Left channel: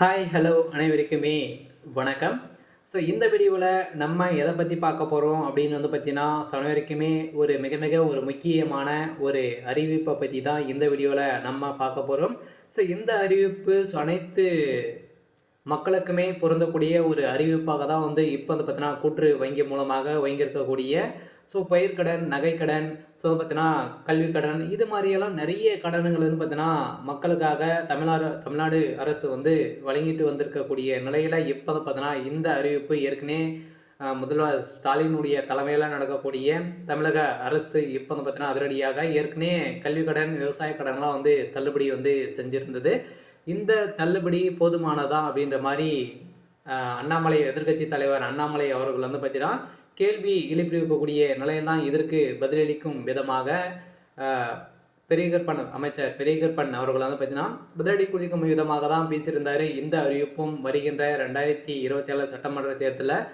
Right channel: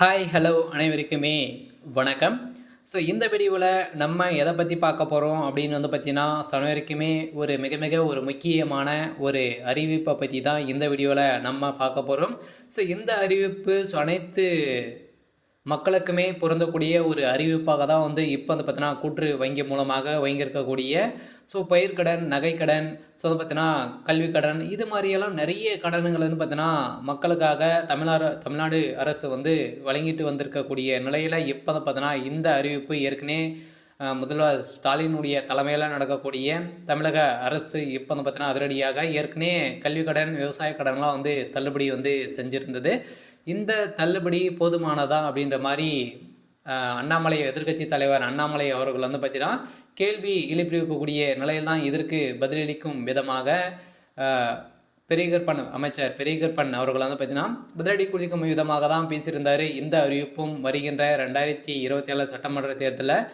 Hi hello அனைவருக்குமே வணக்கம். So இந்த வீடியோவில் நம்ம எதை பற்றி பார்க்க போகிறோம் அப்படின்னு பார்த்தீங்கன்னா, அனைவருக்குமே ஒரு மிக மிக ஒரு முக்கியமான ஒரு அறிவிப்பை பற்றி தான் இந்த வீடியோவில் நம்ம பார்க்க போகிறோம். ஸோ இந்த அறிவிப்பு அனைத்து மக்களுக்குமே பொருந்தக்கூடிய ஒரு அறிவிப்பாக தான் இப்போ பார்த்தீங்கன்னா கூற்று வங்கி மூலமாக வாங்கியிருக்கக்கூடிய பயிர்க்கடன், நகைக்கடன், பார்த்தீங்கன்னா கல்விக்கடன், இது மாதிரியெல்லாம் நிறைய கடன்கள் பார்த்தீங்கன்னா மக்களுக்காக தமிழ்நாடு அரசு வழங்கிட்டு வந்திருக்கக்கூடிய நிலையில் இப்போ பார்த்தீங்கன்னா இந்த அறிவிப்பு ஏற்கனவே முதல்வர் ஸ்டாலினுடைய தலைமையில் நடக்கக்கூடிய தமிழக அரசு இப்போ பார்த்தீங்கன்னா அதிரடியாக ஏற்கனவே கல்விக்கடன், விவசாய கடன்லாம் தள்ளுபடி செஞ்சுருந்தது. இந்த தள்ளுபடி போதுமானதா அப்படின்ற மாதிரி அண்ணாமலை எதிர்க்கட்சி தலைவர் அண்ணாமலை அவர்கள் பார்த்தீங்கன்னா கேள்வி எழுப்பியிருக்கக்கூடிய நிலையில் தான் இதற்கு பதிலளிக்கும் விதமாக அமைச்சர் பெரியகற்பன் அவர்கள் பார்த்தீங்கன்னா பதிலடி குளிக்கும் விதமாக தான் பேசியிருந்தார். இந்த அறிவிப்பும் வருகின்ற 2027 சட்டமன்ற தேர்தலில்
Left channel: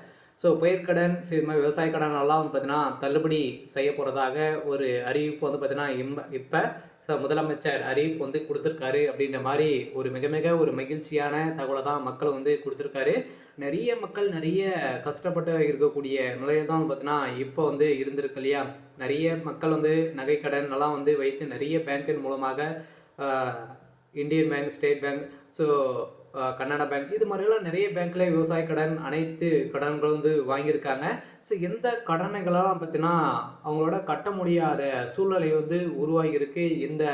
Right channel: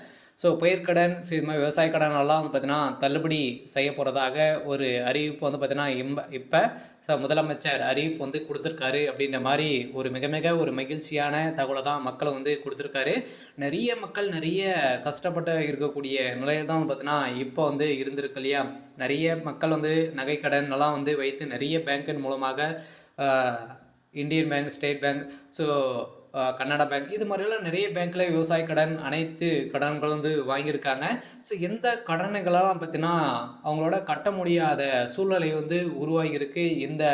பயிர்க்கடன், இது மாதிரி விவசாய கடன் எல்லாம் பார்த்தீங்கன்னா தள்ளுபடி செய்ய போகிறதாக ஒரு அறிவிப்பு பார்த்தீங்கன்னா இப்போ முதலமைச்சர் அறிவிப்பு கொடுத்துருக்காரு அப்படின்ற மாதிரி ஒரு மிக மிக ஒரு மகிழ்ச்சியான தகவலை தான் மக்கள் கொடுத்துருக்காரு. நிறைய மக்கள் நிறைய கஷ்டப்பட்டு இருக்கக்கூடிய நிலையில் தான் பார்த்தீங்கன்னா இப்போ இருந்திருக்கு இல்லையா. நிறைய மக்கள் நகைக்கடன் எல்லாம் வைத்து நிறைய பேங்கின் மூலமாக Indian bank, state bank, Kannada bank, இது மாதிரிலாம் நிறைய பேங்க்கில் விவசாய கடன், அனைத்து கடன்களும் வாங்கியிருக்காங்க. எந்த கடன்களெல்லாம் பார்த்தீங்கன்னா அவங்களோட கட்ட முடியாத சூழ்நிலை உருவாகியிருக்கு. இந்த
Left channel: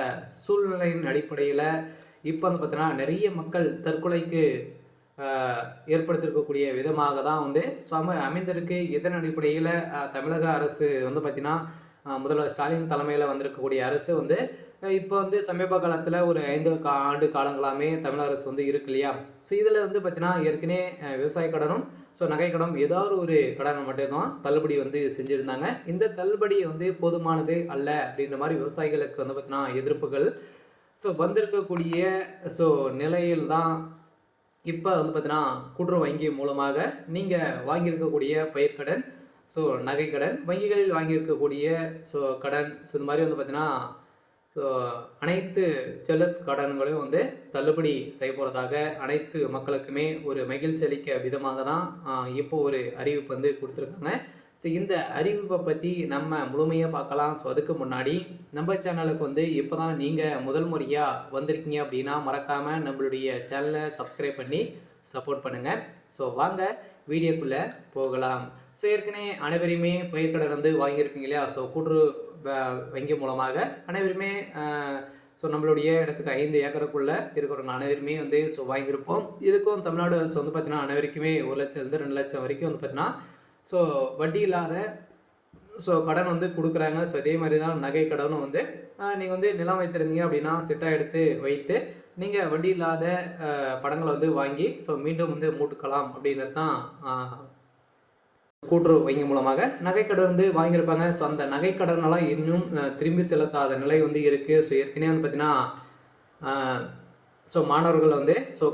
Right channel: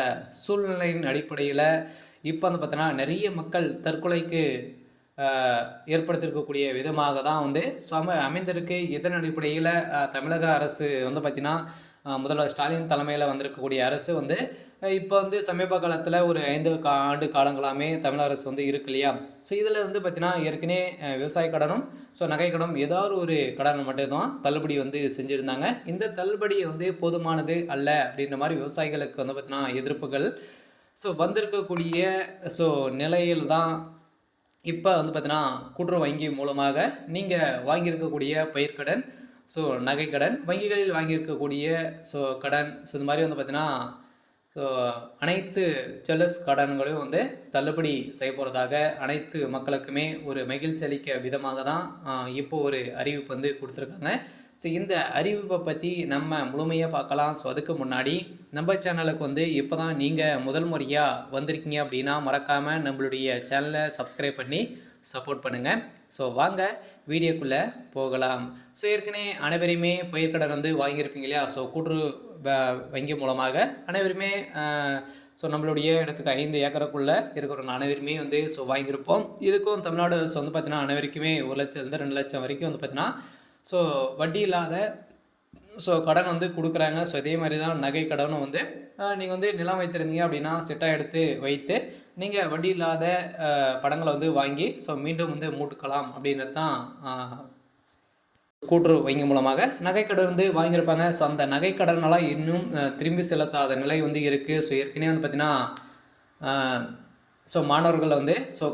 சூழ்நிலையின் அடிப்படையில் இப்போ பார்த்தீங்கன்னா நிறைய மக்கள் தற்கொலைக்கு ஏற்படுத்தியிருக்கக்கூடிய விதமாக தான் அமைந்திருக்கு. இதன் அடிப்படையில் தமிழக அரசு பார்த்தீங்கன்னா முதல்வர் ஸ்டாலின் தலைமையில் வந்திருக்கக்கூடிய அரசு இப்போ சமீப காலத்தில் ஒரு 5 ஆண்டு காலங்களாமே தமிழக அரசு இருக்கு இல்லையா. இதில் பார்த்தீங்கன்னா ஏற்கனவே விவசாய கடனும் நகைக்கடன் ஏதாவது ஒரு கடனை மட்டும்தான் தள்ளுபடி செஞ்சுருந்தாங்க. இந்த தள்ளுபடி போதுமானது அல்ல அப்படின்ற மாதிரி விவசாயிகளுக்கு பார்த்தீங்கன்னா எதிர்ப்புகள் வந்திருக்கக்கூடிய நிலையில் தான் இப்போ பார்த்தீங்கன்னா கூட்டுறவு வங்கி மூலமாக நீங்கள் வாங்கியிருக்கக்கூடிய பயிர்க்கடன், நகைக்கடன், வங்கிகளில் வாங்கியிருக்கக்கூடிய கடன், இது மாதிரி பார்த்தீங்கன்னா அனைத்து ஜுவல்லர்ஸ் கடன்களையும் தள்ளுபடி செய்ய போகிறதாக அனைத்து மக்களுக்குமே ஒரு மகிழ்ச்சி அளிக்க விதமாக தான் இப்போ ஒரு அறிவிப்பு கொடுத்துருக்காங்க. இந்த அறிவிப்பை பற்றி நம்ம முழுமையாக பார்க்கலாம். அதுக்கு முன்னாடி நம்ம சேனலுக்கு இப்போ தான் நீங்கள் முதல் முறையாக வந்திருக்கீங்க அப்படின்னா மறக்காமல் நம்மளுடைய சேனலை சப்ஸ்கிரைப் பண்ணி சப்போர்ட் பண்ணுங்கள். வாங்க வீடியோக்குள்ளே போகலாம். ஏற்கனவே அனைவருமே பயிர்க்கடன் வாங்கியிருப்பீங்க இல்லையா. கூட்டுறவு வங்கி மூலமாக அனைவருமே நம்மளுடைய இடத்துக்கு 5 ஏக்கருக்குள்ளே இருக்கிறவங்க அனைவருமே வாங்கியிருப்போம். இதுக்கும் தமிழ்நாடு அரசு பார்த்தீங்கன்னா அனைவருக்குமே 1 லட்சத்துலேருந்து 2 லட்சம் வரைக்கும் பார்த்தீங்கன்னா வட்டி இல்லாத கடன் கொடுக்குறாங்க. இதே மாதிரி தான் நகை கடனும் நீங்கள் நிலம் வைத்திருந்தீங்க அப்படின்னா சிட்டாக எடுத்து வைத்து நீங்கள் வட்டி இல்லாத படங்களை வாங்கி மீண்டும் மூட்டுக்கலாம் அப்படின்றது தான் கூட்டுறவு வங்கி மூலமாக நகைக்கடன் வாங்கியிருப்பாங்க. அந்த நகைக்கடனெல்லாம் இன்னும் திரும்பி செலுத்தாத நிலை இருக்குது. ஏற்கனவே பார்த்தீங்கன்னா மாணவர்கள்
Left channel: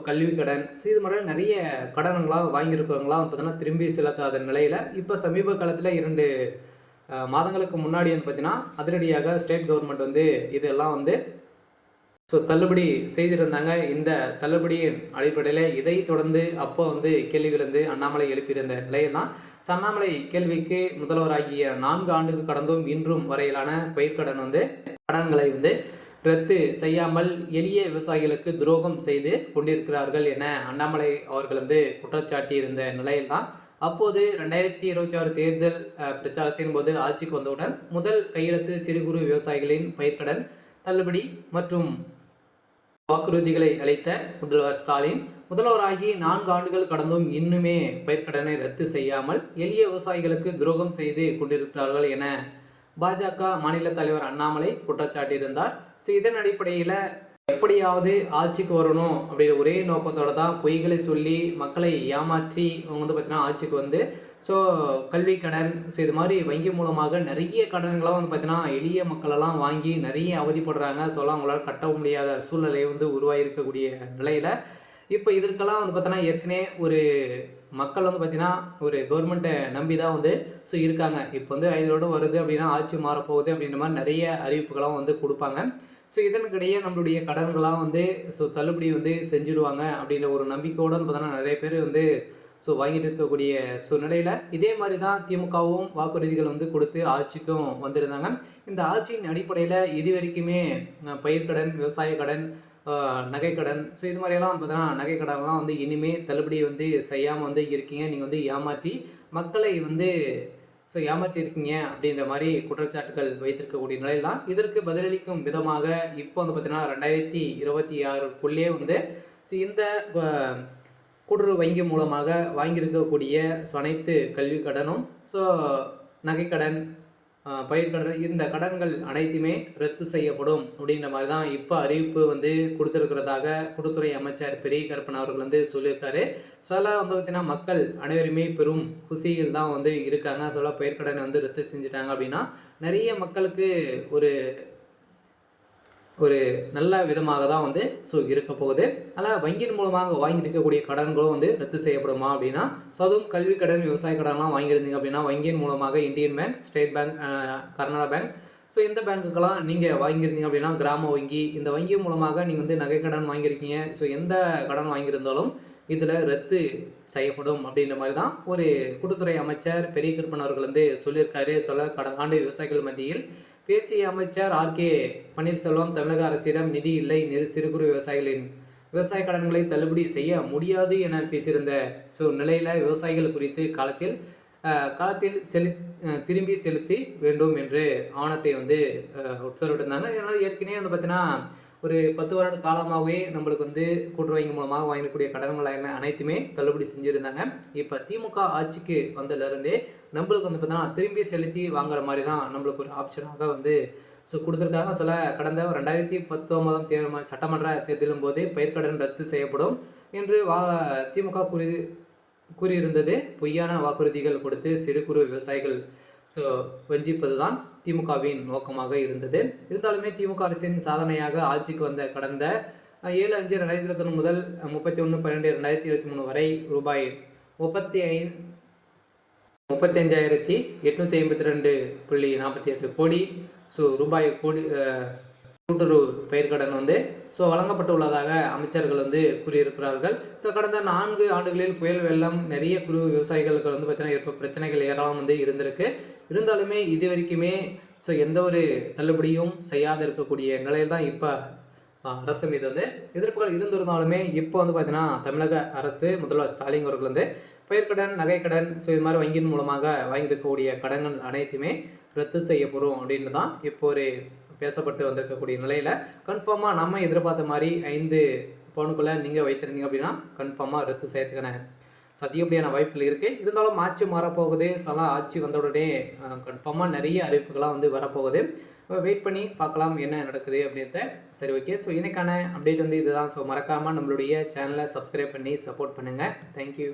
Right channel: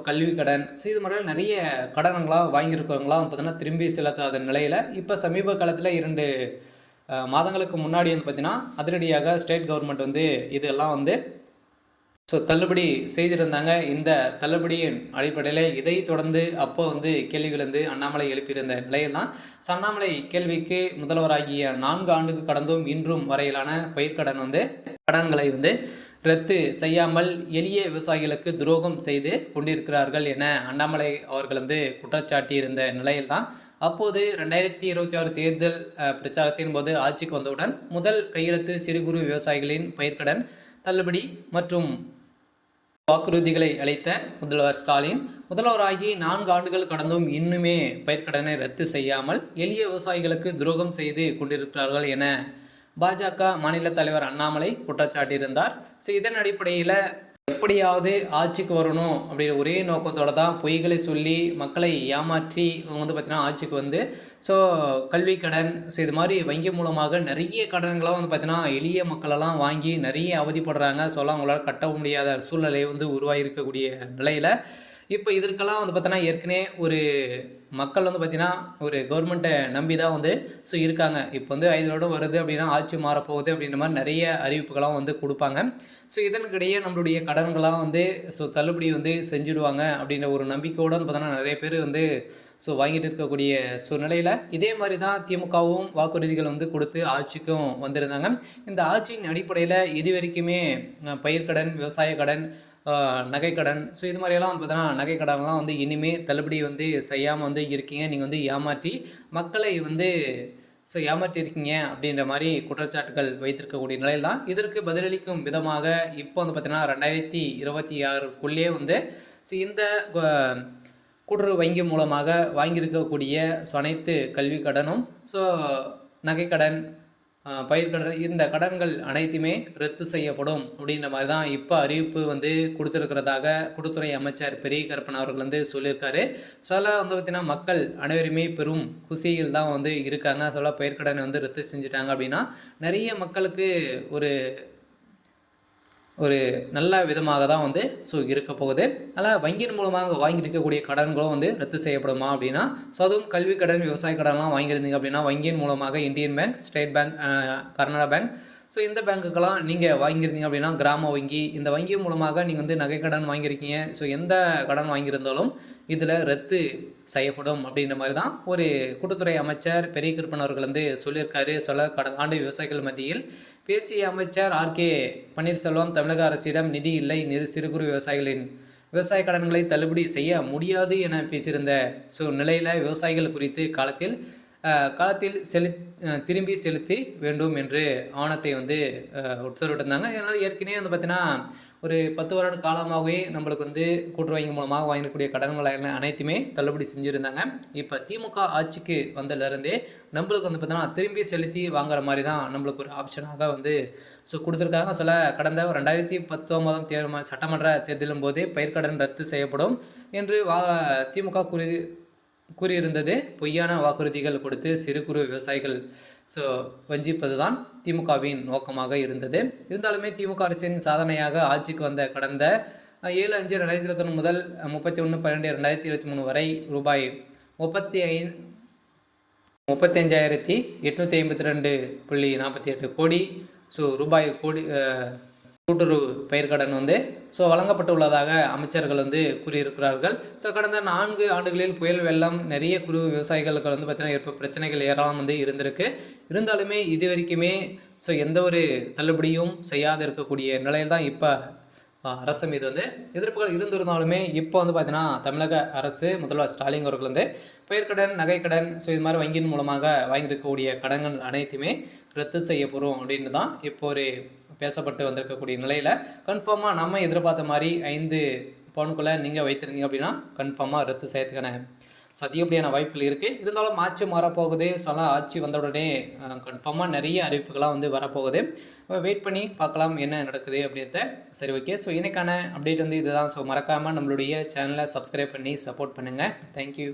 கல்வி கடன், இது மாதிரிலாம் நிறைய கடன்களாக வாங்கியிருக்கவங்களாம் பார்த்தீங்கன்னா திரும்பி செலுத்தாத நிலையில் இப்போ சமீப காலத்தில் 2 மாதங்களுக்கு முன்னாடி பார்த்தீங்கன்னா அதிரடியாக ஸ்டேட் கவர்மெண்ட் இதெல்லாம் தள்ளுபடி செய்திருந்தாங்க. இந்த தள்ளுபடியின் அடிப்படையில் இதை தொடர்ந்து அப்போ கேள்விகள் அண்ணாமலை எழுப்பியிருந்த நிலையில் தான் அண்ணாமலை கேள்விக்கு முதல்வராகிய 4 ஆண்டுக்கு கடந்தும் இன்றும் வரையிலான பயிர்க்கடன் கடன்களை ரத்து செய்யாமல் எளிய விவசாயிகளுக்கு துரோகம் செய்து கொண்டிருக்கிறார்கள் என அண்ணாமலை அவர்கள் குற்றச்சாட்டியிருந்த நிலையில் தான் அப்போது 2026 தேர்தல் பிரச்சாரத்தின் போது ஆட்சிக்கு வந்தவுடன் முதல் கையெழுத்து சிறு குறு விவசாயிகளின் பயிர்க்கடன் தள்ளுபடி மற்றும் வாக்குறுதிகளை அளித்த முதல்வர் ஸ்டாலின் முதல்வராகி 4 ஆண்டுகள் கடந்தும் இன்னுமே பயிர்க்கடனை ரத்து செய்யாமல் எளிய விவசாயிகளுக்கு துரோகம் செய்து கொண்டிருக்கிறார்கள் என பாஜக மாநில தலைவர் அண்ணாமலை குற்றச்சாட்டியிருந்தார். இதன் அடிப்படையில் எப்படியாவது ஆட்சிக்கு வரணும் அப்படின்ற ஒரே நோக்கத்தோடு தான் பொய்களை சொல்லி மக்களை ஏமாற்றி அவங்க பார்த்தீங்கன்னா ஆட்சிக்கு கல்வி கடன், இது மாதிரி வங்கி மூலமாக நிறைய கடன்களாக பார்த்தீங்கன்னா எளிய மக்களெல்லாம் வாங்கி நிறைய அவதிப்படுறாங்க. அவங்களால கட்ட முடியாத சூழ்நிலை உருவாகிருக்கக்கூடிய நிலையில் இப்போ இதற்கெல்லாம் வந்து பார்த்தோன்னா, ஏற்கனவே ஒரு மக்கள் வந்து பார்த்தீங்கன்னா, ஒரு கவர்மெண்ட்ட நம்பி தான் வந்து இருக்காங்க. இப்போ வந்து 5 வருடம் வருது அப்படின்னா, ஆட்சி மாறப்போகுது அப்படின்ற மாரி நெறைய அறிவிப்புகள்லாம் வந்து குடுப்பாங்க. இதற்கிடையே நம்மளுடைய கடன்கள்லாம் வந்து தள்ளுபடி வந்து செஞ்சுடுவாங்க அப்படின்ற ஒரு நம்பிக்கையோட வந்து பார்த்தோன்னா, நெறைய பேர் வந்து வாங்கிட்டு இருக்கக்கூடிய சூழ்நிலையில, இதே மாரி தான் திமுகவும் வாக்குறுதிகள் வந்து குடுத்து ஆட்சிக்கும் வந்திருந்தாங்க. இந்த ஆட்சியின் அடிப்படையில இதுவரைக்குமே பயிர்க்கடன், விவசாய கடன், அ நகைக்கடன், இது மாரியெல்லாம் பார்த்தோன்னா, நகை கடன்லாம் வந்து இனிமே தள்ளுபடி வந்து செய்யாம வந்து இருக்கீங்க. நீங்க வந்து ஏமாற்றி மக்களை வந்து ஏமாற்றியிருக்கீங்க அப்படின்ற மாரி குற்றச்சாட்டுகள் வைத்திருக்கக்கூடிய நிலையில் தான், இதற்கு பதிலளிக்கும் விதமாக இப்போ வந்து பார்த்தீங்கன்னா, 2026க்குள்ளேயே வந்து இந்த அ கூட்டுறவு வங்கி மூலமாக வாங்கியிருக்கக்கூடிய அனைத்து கல்வி கடனும், நகைக்கடன், பயிர்க்கடன் இந்த கடன்கள் அனைத்துமே ரத்து செய்யப்படும் அப்படின்ற மாரி தான் இப்ப அறிவிப்பு வந்து குடுத்திருக்கிறதாக குடுத்துறை அமைச்சர் பெரிய கருப்பன் அவர்கள் வந்து சொல்லியிருக்காரு. வந்து பார்த்தீங்கன்னா, மக்கள் அனைவருமே பெரும் குஷியில் தான் வந்து இருக்காங்க. பயிர்க்கடன வந்து ரத்து செஞ்சுட்டாங்க அப்படின்னா, நெறைய மக்களுக்கு ஒரு ஒரு நல்ல விதமாக தான் வந்து இருக்க போகுது. அதனால வங்கியின் மூலமாக வாங்கியிருக்கக்கூடிய கடன்களும் வந்து ரத்து செய்யப்படுமா அப்படின்னா, அதுவும் கல்வி கடன், விவசாய கடன்லாம் வாங்கியிருந்தீங்க அப்படின்னா, வங்கியின் மூலமாக Indian bank, state bank, Karnataka bank, இந்த பேங்க்குக்கெல்லாம் நீங்க வாங்கியிருந்தீங்க அப்படின்னா, கிராம வங்கி, இந்த வங்கி மூலமாக நீங்க வந்து நகை கடன் வாங்கியிருக்கீங்க. எந்த கடன் வாங்கியிருந்தாலும் இதில ரத்து செய்யப்படும் அப்படின்ற மாரி தான் ஒரு கூட்டுத்துறை அமைச்சர் பெரிய கருப்பன் அவர்கள் வந்து சொல்லியிருக்காரு. கடந்த ஆண்டு விவசாயிகள் மத்தியில் பேசிய அமைச்சர் ஆர்.கே. பன்னீர்செல்வம், தமிழக அரசிடம் நிதி இல்லை, சிறு குறு விவசாயிகளின் விவசாய கடன்களை தள்ளுபடி செய்ய முடியாது என பேசியிருந்த நிலையில விவசாயிகள் குறித்து காலத்தில் திரும்பி செலுத்தி வேண்டும் என்று ஆவணத்தை வந்து உத்தரவிட்டிருந்தாங்க. இதனால ஏற்கனவே வந்து பார்த்தீங்கன்னா, ஒரு 10 வருட காலமாகவே நம்மளுக்கு வந்து கூட்டுறவு வங்கி மூலமாக வாங்கக்கூடிய கடன்கள் அனைத்துமே தள்ளுபடி செஞ்சுருந்தாங்க. இப்போ திமுக ஆட்சிக்கு வந்ததுலேருந்தே நம்மளுக்கு வந்து பார்த்தீங்கன்னா, திரும்பி செலுத்தி வாங்குற மாரி தான் நம்மளுக்கு ஒரு ஆப்ஷனாக வந்து குடுத்துருக்காங்க. கடந்த 2019 சட்டமன்ற தேர்தலின் போது பயிர்க்கடன் ரத்து செய்யப்படும் என்று திமுக கூறியிருந்தது. பொய்யான வாக்குறுதிகள் கொடுத்து சிறு குறு விவசாயிகள் வஞ்சிப்பது தான் திமுகவின் நோக்கமாக இருந்தது. இருந்தாலுமே திமுக அரசின் சாதனையாக ஆட்சிக்கு வந்த கடந்த 7/5/2021 முதல் 31/12/2023 வரை ரூபாய் 35,852.48 கோடி ரூபாய் கூட்டுறவு பயிர்க்கடன் வந்து வழங்கப்பட்டுள்ளதாக அமைச்சர்கள் வந்து கூறியிருக்கிறார்கள். கடந்த 4 ஆண்டுகளில் புயல் வெள்ளம் நிறைய குறு விவசாயிகளுக்கு வந்து பார்த்தீங்கன்னா பிரச்சனைகள் ஏராளம் வந்து இருந்திருக்கு. இருந்தாலுமே இதுவரைக்குமே எந்த ஒரு தள்ளுபடியும் செய்யாது இருக்கக்கூடிய நிலையில் தான் இப்போ அரசு மீது வந்து எதிர்ப்புகள் இருந்திருந்தாலுமே இப்போ வந்து பார்த்தீங்கன்னா, தமிழக அரசு முதல்வர் ஸ்டாலின் அவர்கள் வந்து பயிர்க்கடன், நகைக்கடன் இது மாதிரி வங்கியின் மூலமாக வாங்கியிருக்கக்கூடிய கடன்கள் அனைத்துமே ரத்து செய்யப்படும் அப்படின்னு தான் இப்போ ஒரு பேசப்பட்டு வந்திருக்கக்கூடிய நிலையில் கன்ஃபார்மாக நம்ம எதிர்பார்த்த மாதிரி 5 பவுனுக்குள்ளே நீங்கள் வைத்திருந்தீங்க அப்படின்னா கன்ஃபார்மாக ரத்து செய்யறதுக்கான அதிகப்படியான வாய்ப்புகள் இருக்குது. இருந்தாலும் ஆட்சி மாறப்போகுது. ஆட்சி வந்த உடனே கன்ஃபார்மாக நிறைய அறிவிப்புகள்லாம் வந்து வரப்போகுது. வெயிட் பண்ணி பார்க்கலாம் என்ன நடக்குது அப்படின்றத. சரி, ஓகே. இன்னைக்கான அப்டேட் வந்து இதுதான். மறக்காமல் நம்மளுடைய சேனலை சப்ஸ்கிரைப் பண்ணி சப்போர்ட் பண்ணுங்கள். தேங்க்யூ.